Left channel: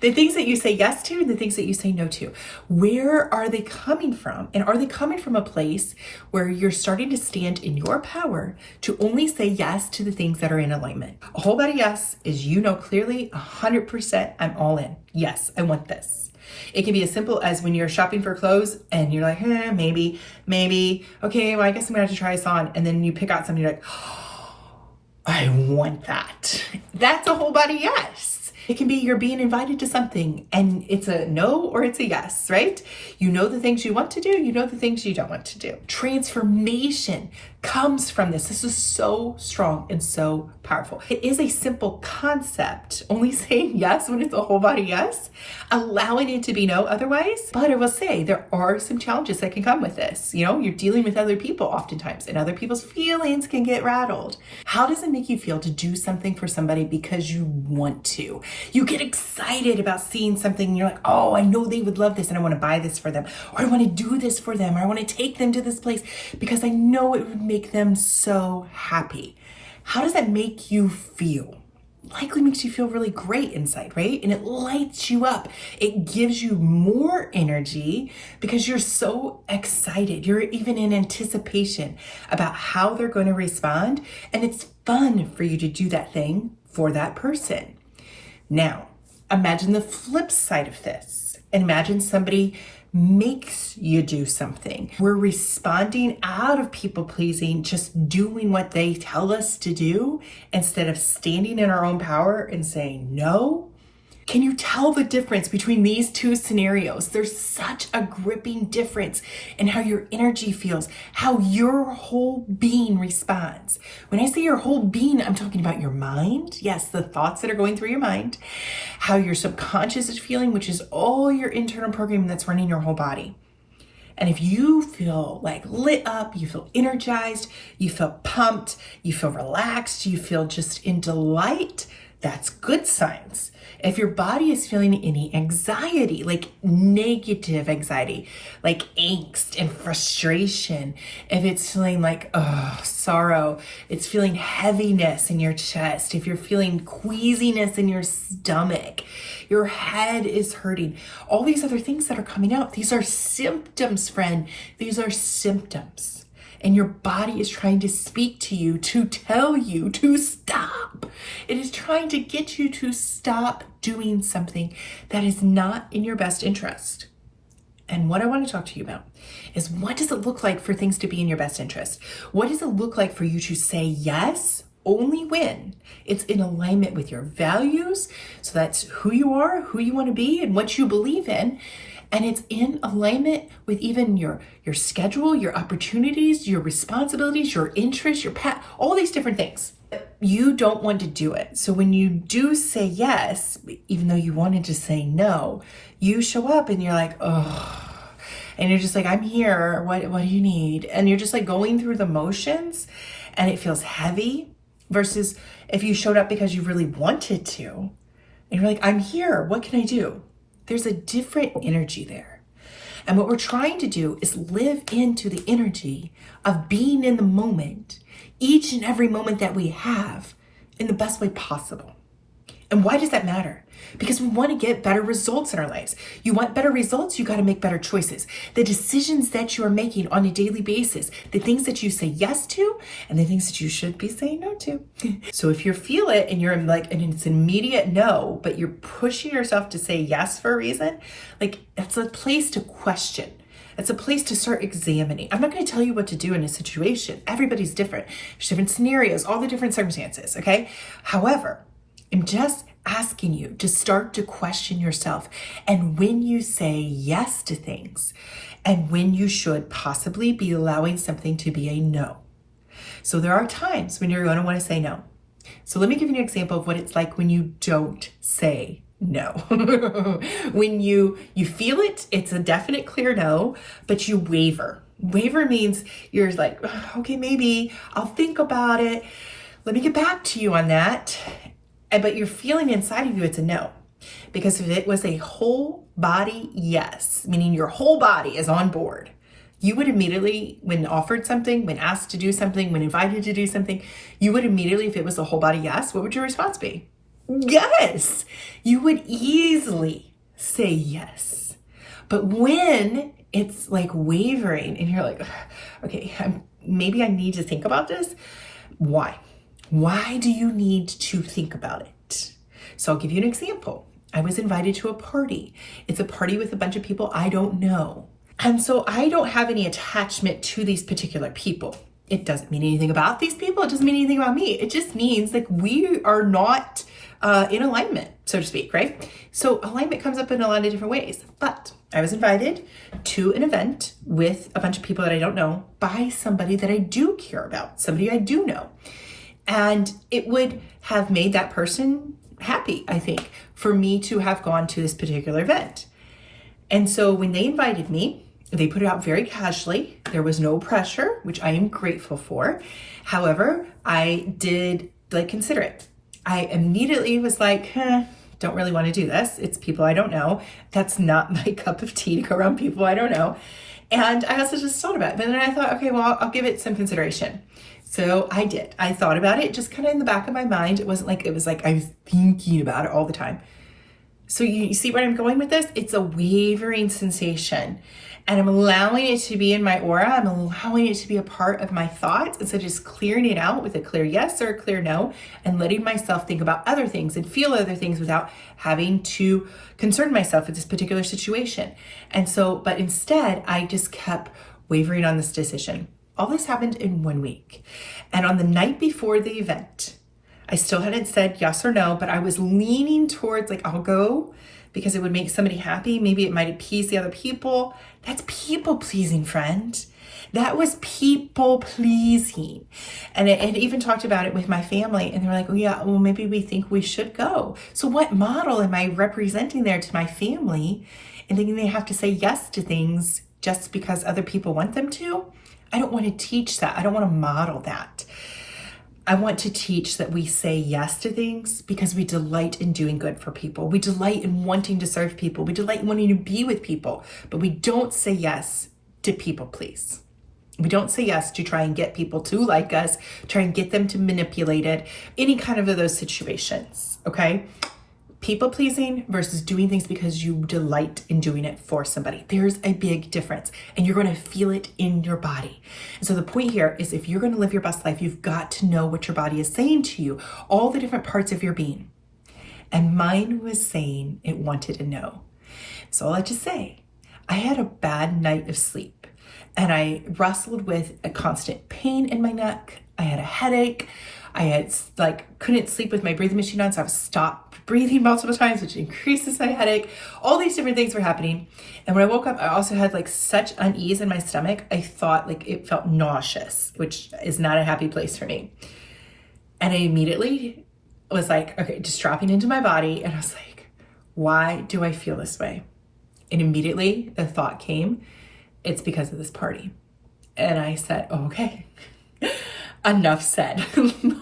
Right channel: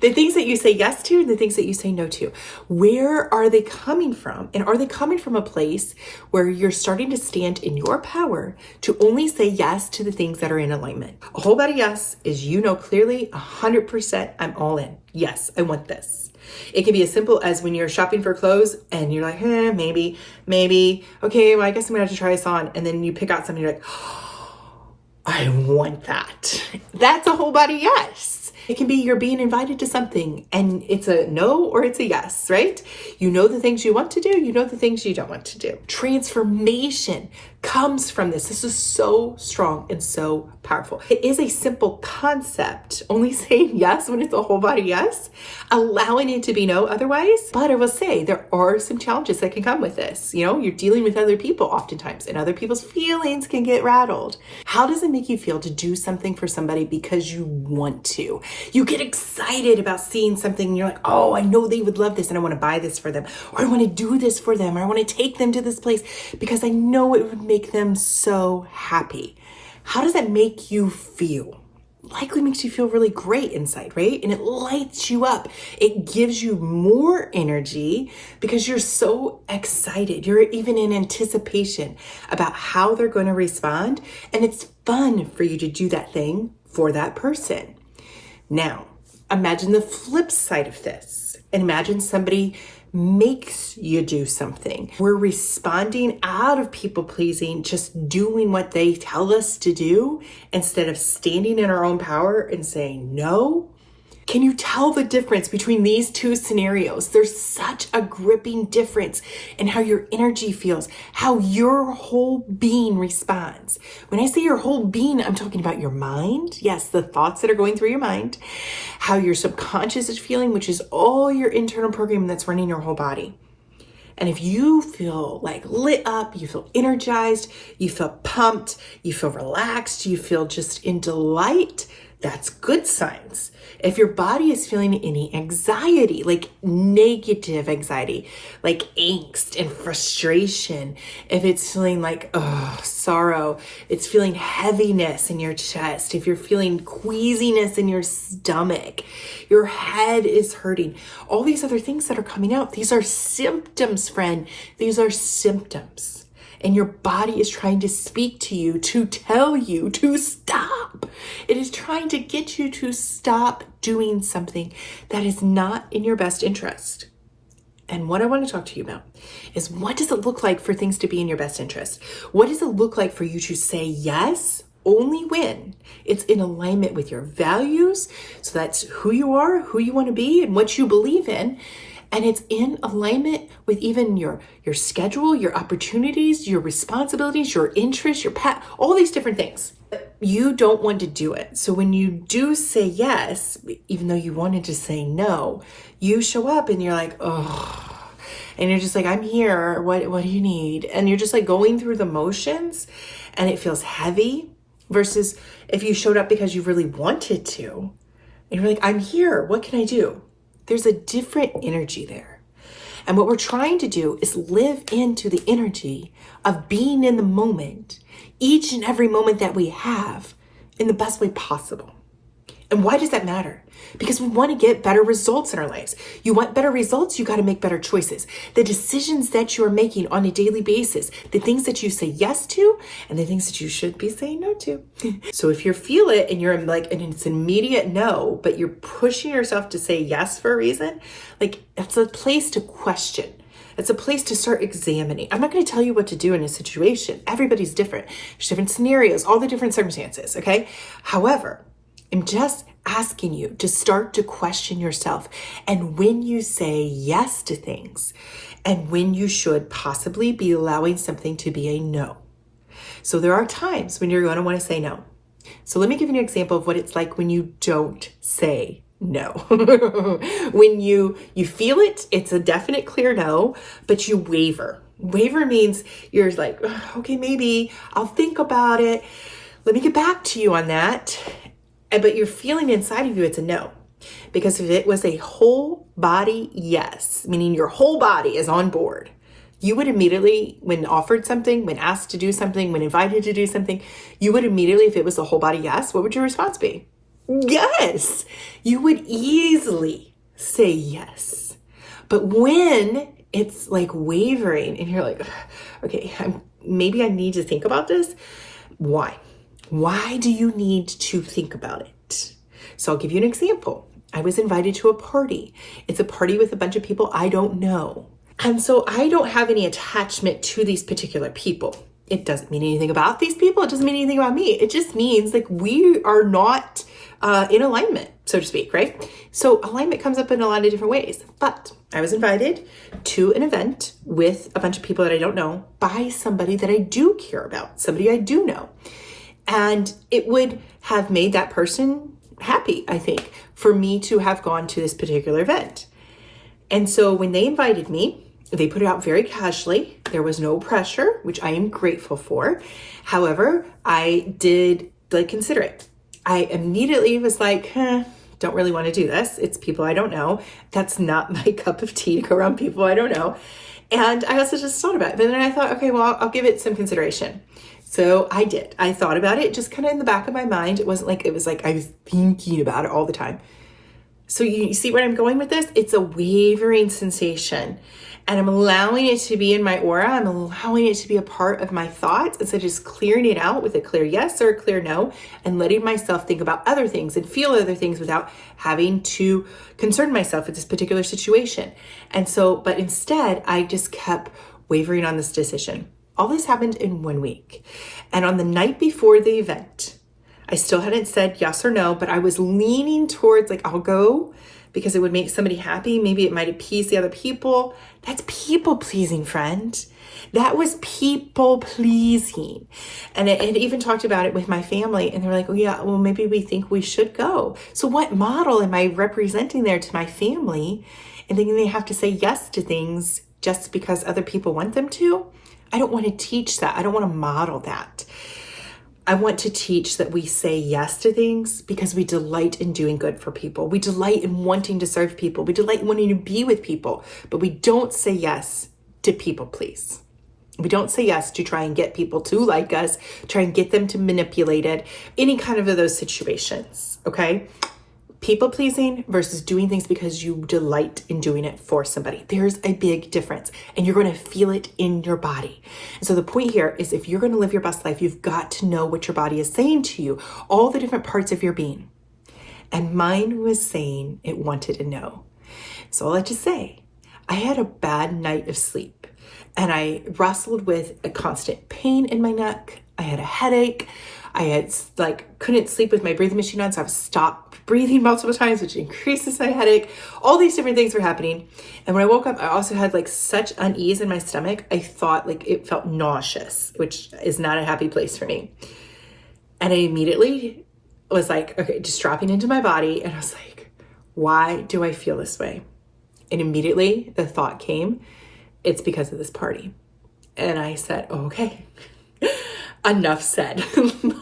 The things that you say yes to and the things that you say no to. Where are they coming from? And are they coming from a place where you're starting to stand in your power to only say yes to the things that are in alignment? A whole body yes is, you know, clearly 100% I'm all in. Yes, I want this. It can be as simple as when you're shopping for clothes and you're like, maybe. Okay, well, I guess I'm gonna have to try this on. And then you pick out something, you're like, I want that. That's a whole body yes. It can be you're being invited to something and it's a no or it's a yes, right? You know the things you want to do, you know the things you don't want to do. Transformation comes from this. This is so strong and so powerful. It is a simple concept, only saying yes when it's a whole body yes, allowing it to be no otherwise. But I will say there are some challenges that can come with this. You know, you're dealing with other people oftentimes and other people's feelings can get rattled. How does it make you feel to do something for somebody because you want to? You get excited about seeing something and you're like, oh, I know they would love this and I want to buy this for them, or I want to do this for them, or I want to take them to this place because I know it would make them so happy. How does that make you feel? Likely makes you feel really great inside, right? And it lights you up. It gives you more energy because you're so excited. You're even in anticipation about how they're going to respond. And it's fun for you to do that thing for that person. Now, imagine the flip side of this. And imagine somebody makes you do something. We're responding out of people pleasing, just doing what they tell us to do instead of standing in our own power and saying no. Can you tell the difference between these two scenarios? There's such a gripping difference in how your energy feels, how your whole being responds. When I say your whole being, I'm talking about your mind. Yes, the thoughts that are going through your mind, how your subconscious is feeling, which is all your internal programming that's running your whole body. And if you feel like lit up, you feel energized, you feel pumped, you feel relaxed, you feel just in delight, that's good signs. If your body is feeling any anxiety, like negative anxiety, like angst and frustration, if it's feeling like sorrow, it's feeling heaviness in your chest, if you're feeling queasiness in your stomach, your head is hurting, all these other things that are coming out, these are symptoms, friend. These are symptoms. And your body is trying to speak to you, to tell you to stop. It is trying to get you to stop doing something that is not in your best interest. And what I want to talk to you about is, what does it look like for things to be in your best interest? What does it look like for you to say yes only when it's in alignment with your values? So that's who you are, who you want to be, and what you believe in. And it's in alignment with even your schedule, your opportunities, your responsibilities, your interests, your path, all these different things. You don't want to do it. So when you do say yes, even though you wanted to say no, you show up and you're like, oh, and you're just like, I'm here. What do you need? And you're just like going through the motions and it feels heavy, versus if you showed up because you really wanted to and you're like, I'm here. What can I do? There's a different energy there. And what we're trying to do is live into the energy of being in the moment, each and every moment that we have, in the best way possible. And why does that matter? Because we want to get better results in our lives. You want better results, you got to make better choices. The decisions that you are making on a daily basis, the things that you say yes to, and the things that you should be saying no to. So if you feel it and you're like, and it's an immediate no, but you're pushing yourself to say yes for a reason, like, that's a place to question. It's a place to start examining. I'm not going to tell you what to do in a situation. Everybody's different. There's different scenarios, all the different circumstances, okay? However, I'm just asking you to start to question yourself, and when you say yes to things, and when you should possibly be allowing something to be a no. So there are times when you're going to want to say no. So let me give you an example of what it's like when you don't say no. When you feel it, it's a definite clear no, but you waver. Waver means you're like, okay, maybe I'll think about it. Let me get back to you on that. But you're feeling inside of you, it's a no. Because if it was a whole body yes, meaning your whole body is on board, you would immediately, when offered something, when asked to do something, when invited to do something, you would immediately, if it was a whole body yes, what would your response be? Yes, you would easily say yes. But when it's like wavering and you're like, okay, maybe I need to think about this. Why? Why do you need to think about it? So I'll give you an example. I was invited to a party. It's a party with a bunch of people I don't know. And so I don't have any attachment to these particular people. It doesn't mean anything about these people. It doesn't mean anything about me. It just means like we are not in alignment, so to speak, right? So alignment comes up in a lot of different ways. But I was invited to an event with a bunch of people that I don't know by somebody that I do care about, somebody I do know. And it would have made that person happy, I think, for me to have gone to this particular event. And so when they invited me, they put it out very casually. There was no pressure, which I am grateful for. However, I did consider it. I immediately was like, don't really want to do this. It's people I don't know. That's not my cup of tea to go around people I don't know. And I also just thought about it. But then I thought, okay, well, I'll give it some consideration. So I did. I thought about it just kind of in the back of my mind. It wasn't like, it was like I was thinking about it all the time. So you see where I'm going with this? It's a wavering sensation. And I'm allowing it to be in my aura. I'm allowing it to be a part of my thoughts instead of just clearing it out with a clear yes or a clear no and letting myself think about other things and feel other things without having to concern myself with this particular situation. And so, but instead, I just kept wavering on this decision. All this happened in 1 week. And on the night before the event, I still hadn't said yes or no, but I was leaning towards like, I'll go because it would make somebody happy. Maybe it might appease the other people. That's people pleasing, friend. That was people pleasing. And it even talked about it with my family. And they were like, oh yeah, well, maybe we think we should go. So what model am I representing there to my family and thinking they have to say yes to things just because other people want them to? I don't want to teach that. I don't want to model that. I want to teach that we say yes to things because we delight in doing good for people. We delight in wanting to serve people. We delight in wanting to be with people, but we don't say yes to people please. We don't say yes to try and get people to like us, try and get them to manipulate it, any kind of those situations, okay? People pleasing versus doing things because you delight in doing it for somebody. There's a big difference and you're going to feel it in your body. And so the point here is if you're going to live your best life, you've got to know what your body is saying to you, all the different parts of your being. And mine was saying it wanted to know. So I'll let you say, I had a bad night of sleep and I wrestled with a constant pain in my neck. I had a headache. I had couldn't sleep with my breathing machine on, so I was stopped breathing multiple times, which increases my headache. All these different things were happening. And when I woke up, I also had such unease in my stomach. I thought it felt nauseous, which is not a happy place for me. And I immediately was like, okay, just dropping into my body. And I was like, why do I feel this way? And immediately the thought came, it's because of this party. And I said, oh, okay. Enough said.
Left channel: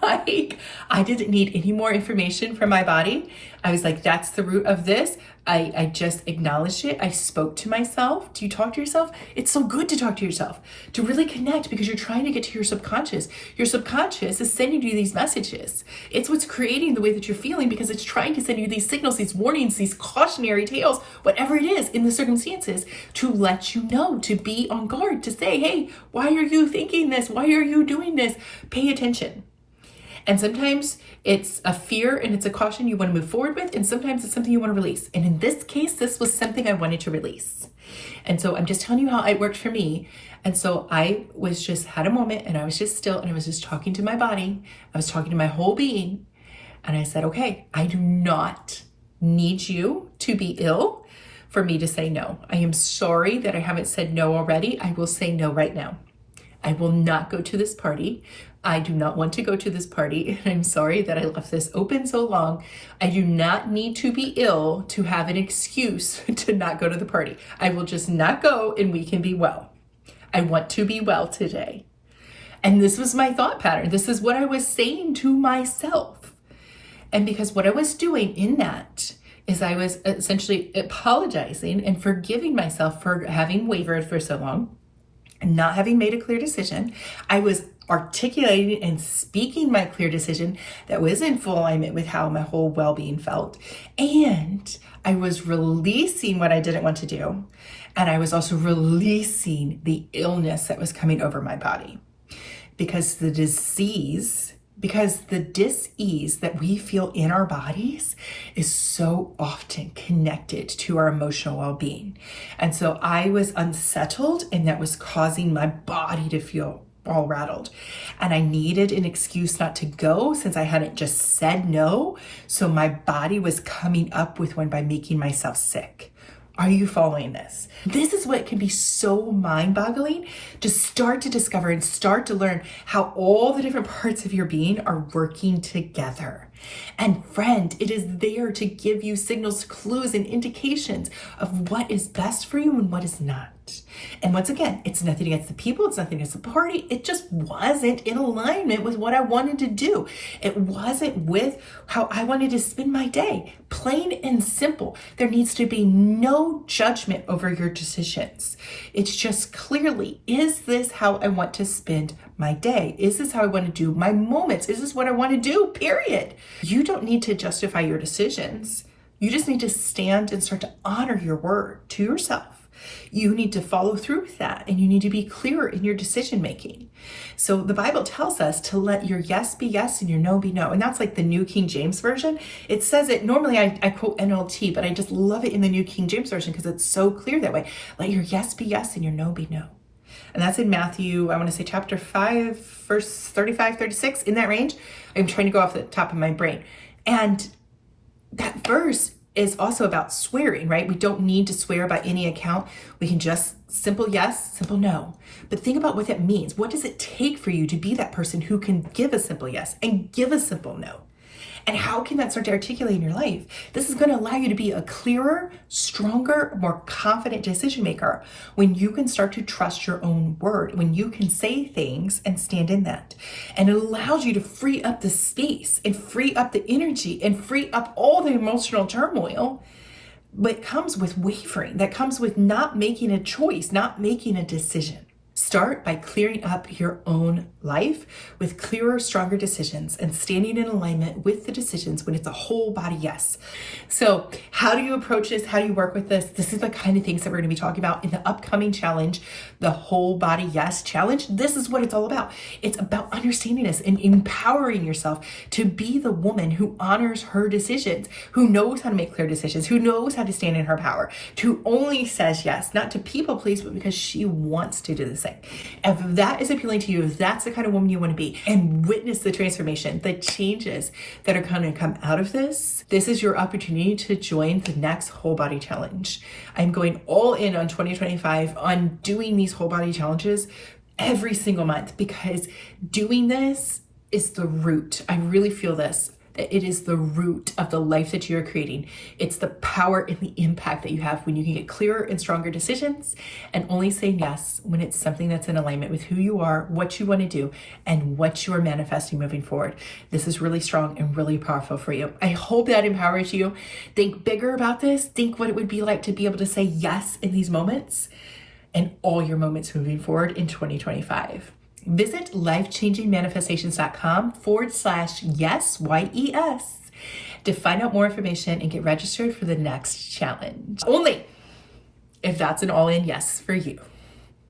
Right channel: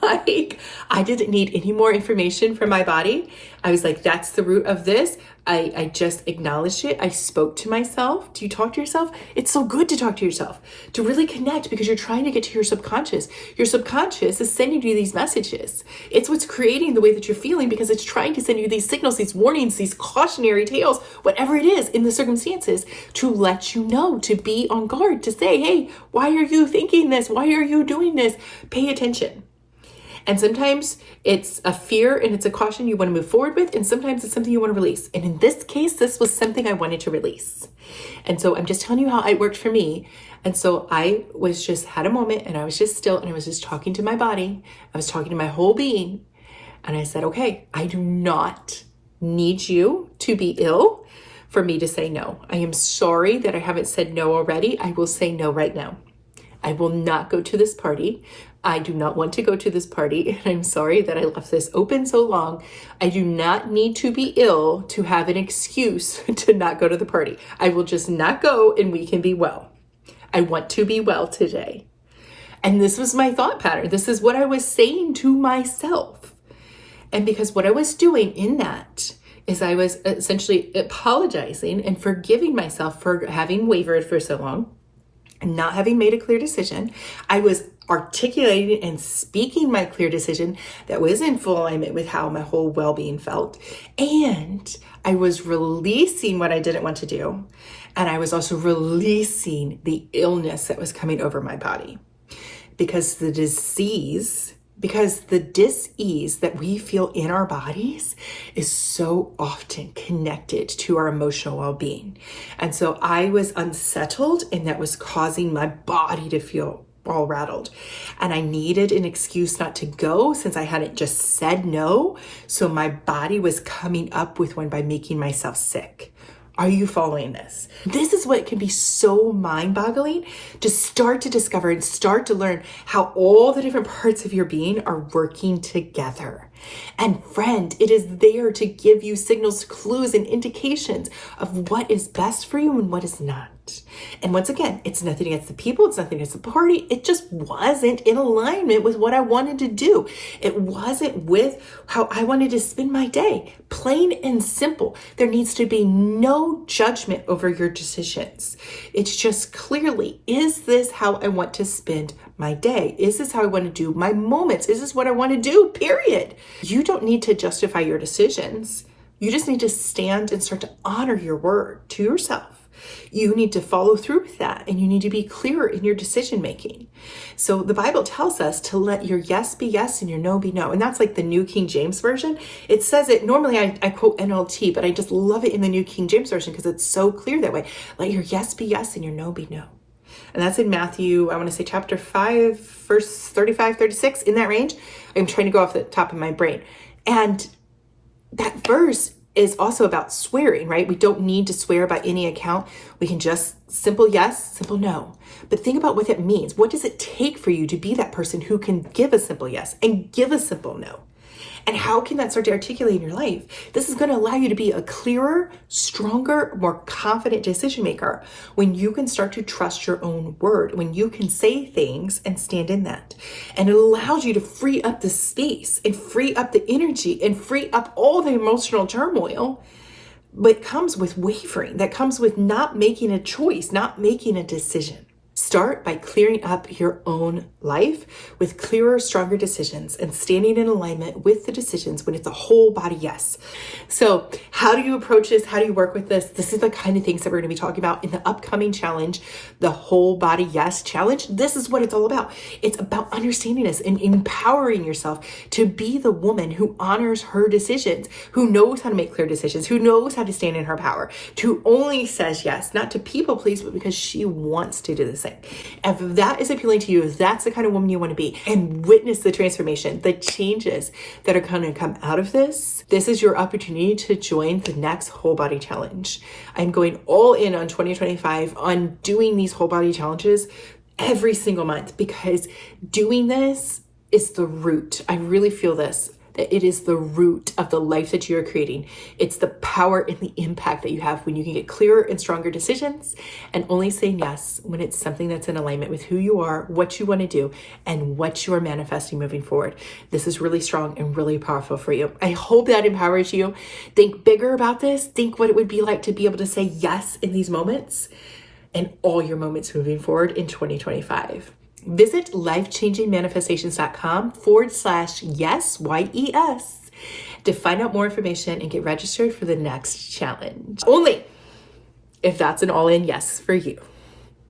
I didn't need any more information from my body. I was like, that's the root of this. I just acknowledged it. I spoke to myself. Do you talk to yourself? It's so good to talk to yourself, to really connect because you're trying to get to your subconscious. Your subconscious is sending you these messages. It's what's creating the way that you're feeling because it's trying to send you these signals, these warnings, these cautionary tales, whatever it is in the circumstances to let you know, to be on guard, to say, hey, why are you thinking this? Why are you doing this? Pay attention. And sometimes it's a fear and it's a caution you want to move forward with. And sometimes it's something you want to release. And in this case, this was something I wanted to release. And so I'm just telling you how it worked for me. And so I was just had a moment and I was just still and I was just talking to my body. I was talking to my whole being. And I said, okay, I do not need you to be ill for me to say no. I am sorry that I haven't said no already. I will say no right now. I will not go to this party. I do not want to go to this party. I'm sorry that I left this open so long. I do not need to be ill to have an excuse to not go to the party. I will just not go and we can be well. I want to be well today. And this was my thought pattern. This is what I was saying to myself. And because what I was doing in that is I was essentially apologizing and forgiving myself for having wavered for so long. Not having made a clear decision, I was articulating and speaking my clear decision that was in full alignment with how my whole well-being felt. And I was releasing what I didn't want to do. And I was also releasing the illness that was coming over my body. Because the dis-ease that we feel in our bodies is so often connected to our emotional well-being. And so I was unsettled, and that was causing my body to feel all rattled. And I needed an excuse not to go since I hadn't just said no. So my body was coming up with one by making myself sick. Are you following this? This is what can be so mind-boggling to start to discover and start to learn how all the different parts of your being are working together. And friend, it is there to give you signals, clues, and indications of what is best for you and what is not. And once again, it's nothing against the people, it's nothing against the party. It just wasn't in alignment with what I wanted to do. It wasn't with how I wanted to spend my day. Plain and simple. There needs to be no judgment over your decisions. It's just clearly, is this how I want to spend my day? Is this how I want to do my moments? Is this what I want to do? Period. You don't need to justify your decisions. You just need to stand and start to honor your word to yourself. You need to follow through with that, and you need to be clearer in your decision making. So the Bible tells us to let your yes be yes and your no be no. And that's like the New King James Version. It says it, normally I quote NLT, but I just love it in the New King James Version because it's so clear that way. Let your yes be yes and your no be no. And that's in Matthew, I want to say chapter 5, verse 35, 36, in that range. I'm trying to go off the top of my brain. And that verse is also about swearing, right? We don't need to swear by any account. We can just simple yes, simple no. But think about what that means. What does it take for you to be that person who can give a simple yes and give a simple no? And how can that start to articulate in your life? This is going to allow you to be a clearer, stronger, more confident decision maker when you can start to trust your own word, when you can say things and stand in that. And it allows you to free up the space and free up the energy and free up all the emotional turmoil that comes with wavering, that comes with not making a choice, not making a decision. Start by clearing up your own life with clearer, stronger decisions and standing in alignment with the decisions when it's a whole body yes. So how do you approach this? How do you work with this? This is the kind of things that we're going to be talking about in the upcoming challenge, the Whole Body Yes Challenge. This is what it's all about. It's about understanding this and empowering yourself to be the woman who honors her decisions, who knows how to make clear decisions, who knows how to stand in her power, who only says yes, not to people please, but because she wants to do this. If that is appealing to you, if that's the kind of woman you want to be, and witness the transformation, the changes that are going to come out of this, this is your opportunity to join the next Whole Body Challenge. I'm going all in on 2025 on doing these whole body challenges every single month, because doing this is the root. I really feel this, that it is the root of the life that you are creating. It's the power and the impact that you have when you can get clearer and stronger decisions and only say yes when it's something that's in alignment with who you are, what you want to do, and what you are manifesting moving forward. This is really strong and really powerful for you. I hope that empowers you. Think bigger about this. Think what it would be like to be able to say yes in these moments and all your moments moving forward in 2025. Visit lifechangingmanifestations.com/yes, YES, to find out more information and get registered for the next challenge. Only if that's an all-in yes for you.